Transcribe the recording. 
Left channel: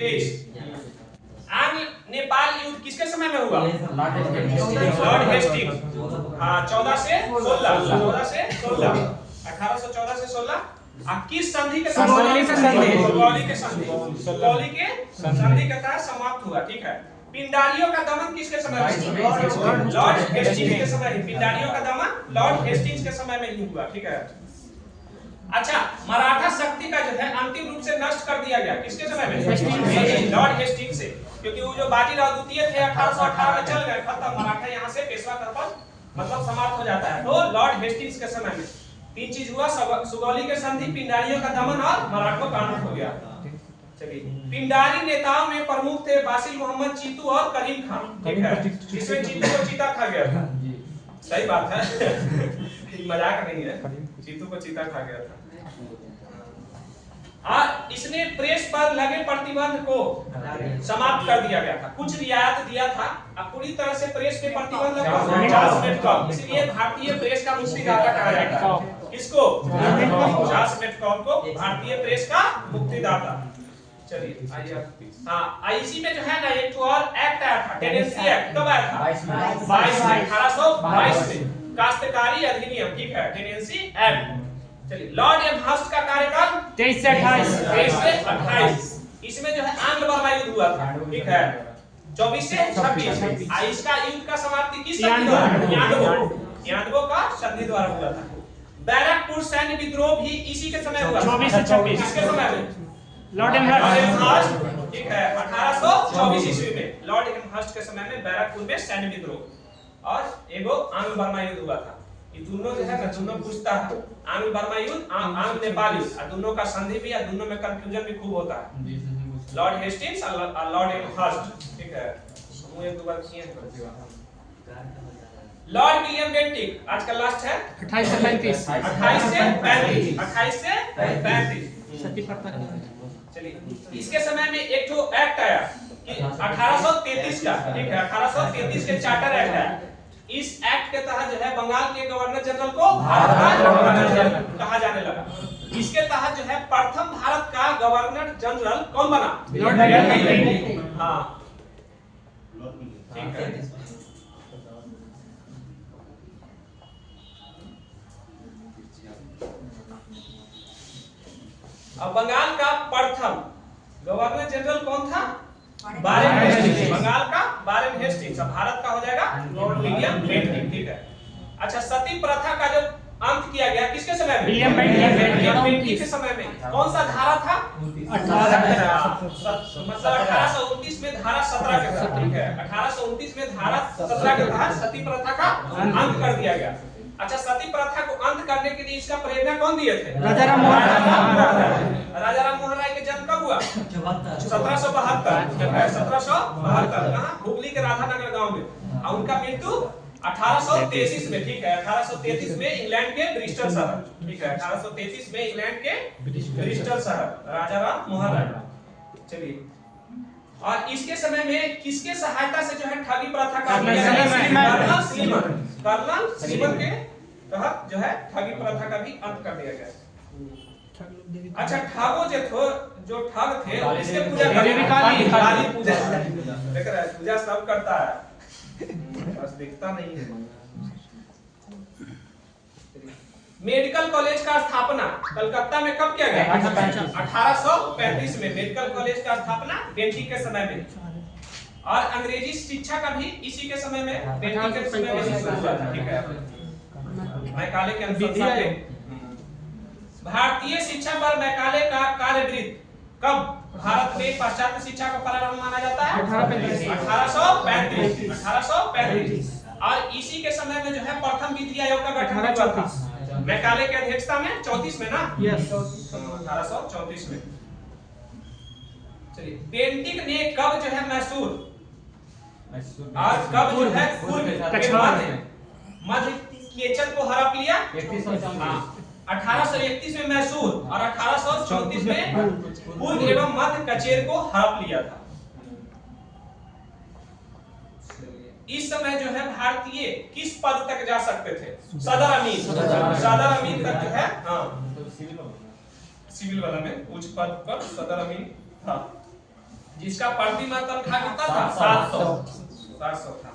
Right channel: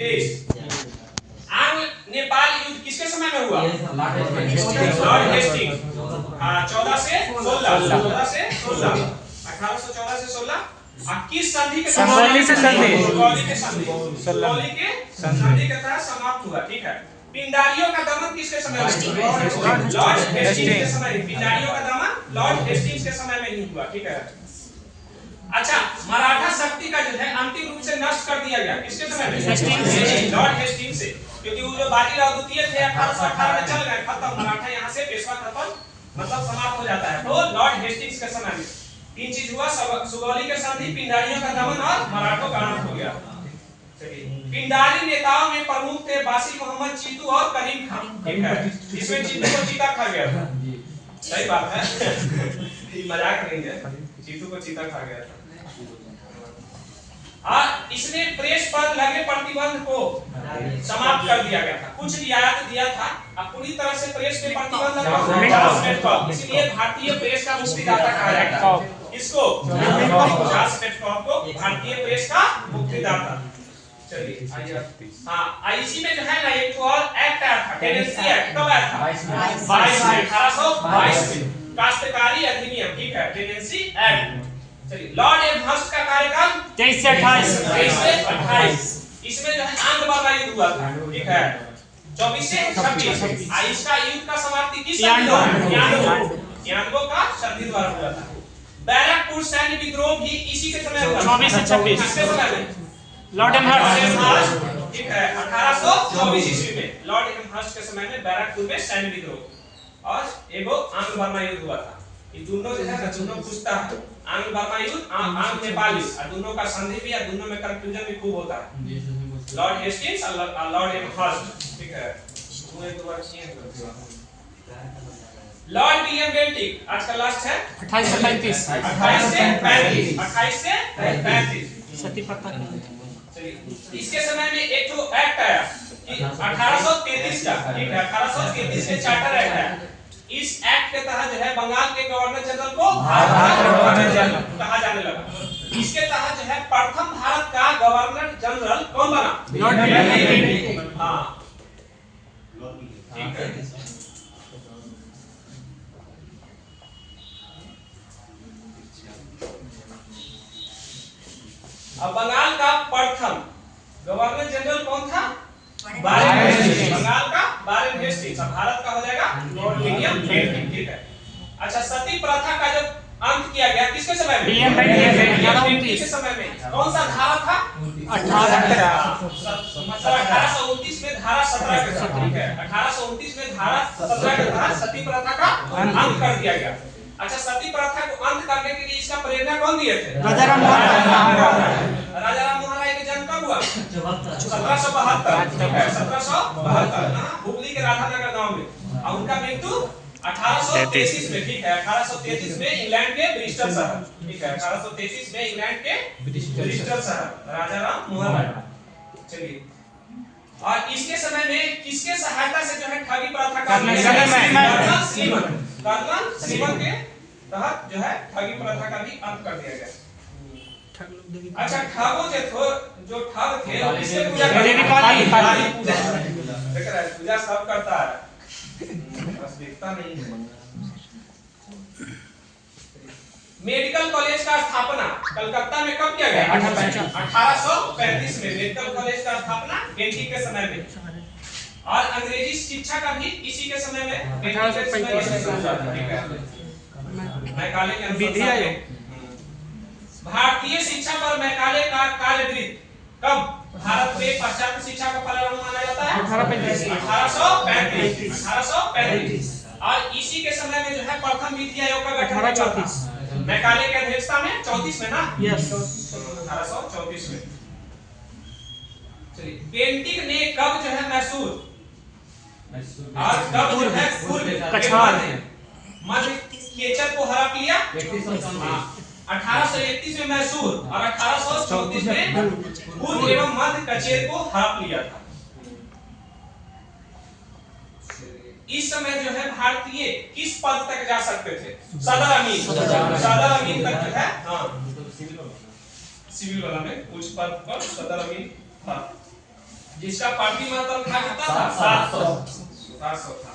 आंग्ल नेपाल युद्ध किसके समय में हुआ? Lord Hastings. हाँ 14 से 16 1814 से 16 किस संधि के सुगौली के संधि के तहत समाप्त हुआ। ठीक है। पिंडारियों का दमन किसके समय में? लॉर्ड हेस्टिंग्स के समय। पिंडारियों का दमन लॉर्ड हेस्टिंग्स के समय में ही हुआ। ठीक है। अच्छा, मराठा शक्ति का जो है अंतिम रूप से नष्ट कर दिया गया किसके समय में? लॉर्ड हेस्टिंग्स से। क्योंकि वो जो बाजीराव द्वितीय थे 1818 में चल गए, खत्म। मराठा यहाँ से पेशवा खत्म, मतलब समाप्त हो जाता है। तो लॉर्ड हेस्टिंग्स के समय में तीन चीज हुआ, सुगौली के संधि, पिंडारियों का दमन और मराठों का अंत हो गया। पिंडारी नेताओं में प्रमुख थे बासिल मोहम्मद चीतू और करीम खान। ठीक है। इसमें चीतू को चीता खा गया था। सही बात है। मजाक नहीं है, चीतू को चीता खा गया था। इसने प्रेस पर लगे प्रतिबंध को समाप्त कर दिया गया था। कुछ रियायत दिया था, अब पूरी तरह से प्रेस पे प्रतिबंध लगा। इसलिए भारतीय प्रेस का मुक्तिदाता कहा जाता है। किसको? चार्ल्स मेडकॉम को भारतीय प्रेस का मुक्तिदाता। चलिए आइए। हाँ, इसी में जो है ना एक और एक्ट आया था, टेनेंसी एक्ट। कब आया था? 1822 में। काश्तकारी अधिनियम। ठीक है, टेनेंसी एक्ट। चलिए, लॉर्ड एमहर्स्ट का कार्यकाल 23 से 28। इसमें जो है आंग्ल बर्मा युद्ध हुआ था। ठीक है, 24 से 26। इसका युद्ध का समाप्ति किस संधि द्वारा? 92 का संधि द्वारा हुआ था। बैरकपुर सैन्य विद्रोह भी इसी के समय हुआ। 24 से 26 किसके समय में? Lord Amherst. ठीक है, 1824 ईस्वी में लॉर्ड एमहर्स्ट के समय में बैरकपुर में सैन्य विद्रोह और एगो आंग्ल बर्मा युद्ध हुआ था। ये दोनों जो है ना, दोनों पूछता है आंग्ल बर्मा युद्ध, आंग्ल नेपाल युद्ध, और दोनों का संधि भी है, दोनों में कंफ्यूजन भी खूब होता है। लॉर्ड हेस्टिंग्स और लॉर्ड एमहर्स्ट। ठीक है, पूरे दो बार किए हैं। लॉर्ड विलियम बेंटिक आज का लास्ट है 28 से 35। 28 से 35 सती प्रथा। चलिए, इसके समय में एक तो एक्ट आया कि 1833 का। ठीक है, 1833 के चार्टर एक्ट है। इस एक्ट के तहत जो है बंगाल के गवर्नर जनरल को भारत का गवर्नर जनरल कहा जाने लगा। इसके तहत जो है प्रथम भारत का गवर्नर जनरल कौन बना? Lord Bentinck. हाँ, ठीक है। अब बंगाल का प्रथम गवर्नर जनरल कौन था? Warren Hastings. बंगाल का बारेन हेस्टिंग्स। भारत का हो जाएगा लॉर्ड विलियम बेंटिक। ठीक है। अच्छा, सती प्रथा का जो अंत किया गया किसके समय में? विलियम बेंटिक के समय में। कौन सा धारा था? 1829 में धारा 17 के तहत। ठीक है, 1829 में धारा 17 के तहत सती प्रथा का अंत कर दिया गया। अच्छा, सती प्रथा को अंत करने के लिए इसका प्रेरणा कौन दिए थे? राजा राम मोहन राय का जन्म कब हुआ? 1772। 1772 हुगली के राधानगर गांव में, और उनका मृत्यु 1833 में। ठीक है, 1833 में इंग्लैंड के ब्रिस्टल शहर। ठीक है, 1833 में इंग्लैंड के ब्रिस्टल शहर, राजा राम मोहन राय। चलिए, और इसके समय में किसके सहायता से जो है ठगी प्रथा का कर्नल श्रीमन के तहत जो है ठगी प्रथा का भी अंत कर दिया गया। अच्छा, ठगो जो ठग थे वो इसके पूजा करते हैं। देख रहा है, पूजा सब करता है, बस देखता नहीं है। मेडिकल कॉलेज का स्थापना कलकत्ता में कब किया गया? 1835 में मेडिकल कॉलेज का स्थापना बेंटिक के समय में। और अंग्रेजी शिक्षा का भी इसी के समय में बेंटिक के समय में शुरू हुआ था। ठीक है, मैकाले के अनुसार भारतीय शिक्षा पर मैकाले का कार्यवृत्त कब भारत में पाश्चात्य शिक्षा का प्रारंभ माना जाता है? 1835। और इसी के समय में जो है प्रथम विधि आयोग का गठन हुआ था मैकाले की अध्यक्षता में 34 में ना। यस, 1834 में। चलिए, बेंटिक ने कब जो है मैसूर और कब जो है मध्य केचर को हड़प लिया? 1831 में मैसूर और 1834 में पूर्व एवं मध्य कचेर को हड़प लिया था। इस समय जो है भारतीय किस पद तक जा सकते थे? सदर अमीर तक जो है, हाँ, सिविल वाला में उच्च पद पर सदर अमीर था। जिसका पार्टी मतल था कितना था 700 था